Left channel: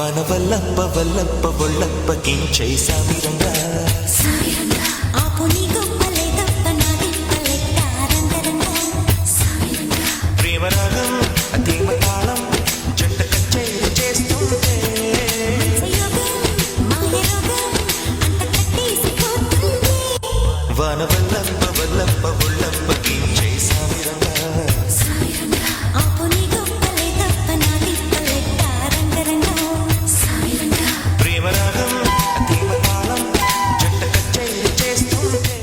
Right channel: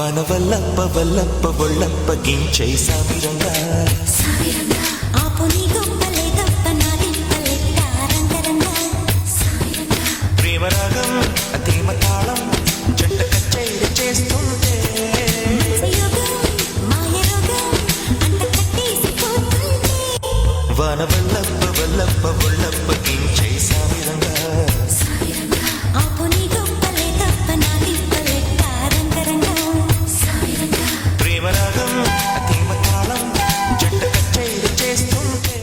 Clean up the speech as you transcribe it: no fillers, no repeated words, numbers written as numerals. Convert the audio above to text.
వనవల్లప్ప వల్లప్ప ఒళ్ళప్ప గించై సామిరంగా ఆపు నీ గొప్పలే తప్ప నా తిప్పలెట్ట రంగరంగా ప్రేమరాగం అతీమ తాళం జంట కచేరి చేస్తుంటే యోగం మాయ రోగం అంత కట్టేసిపోతుంటే వనవల్లప్ప వల్లప్ప ఒళ్ళప్ప గించై సామిరంగా ఆపు నీ గొప్పలే తప్ప నా తిప్పలెట్ట రంగరంగా ప్రేమరాగం అతీమ తాళం జంట కచేరి చేస్తుంటే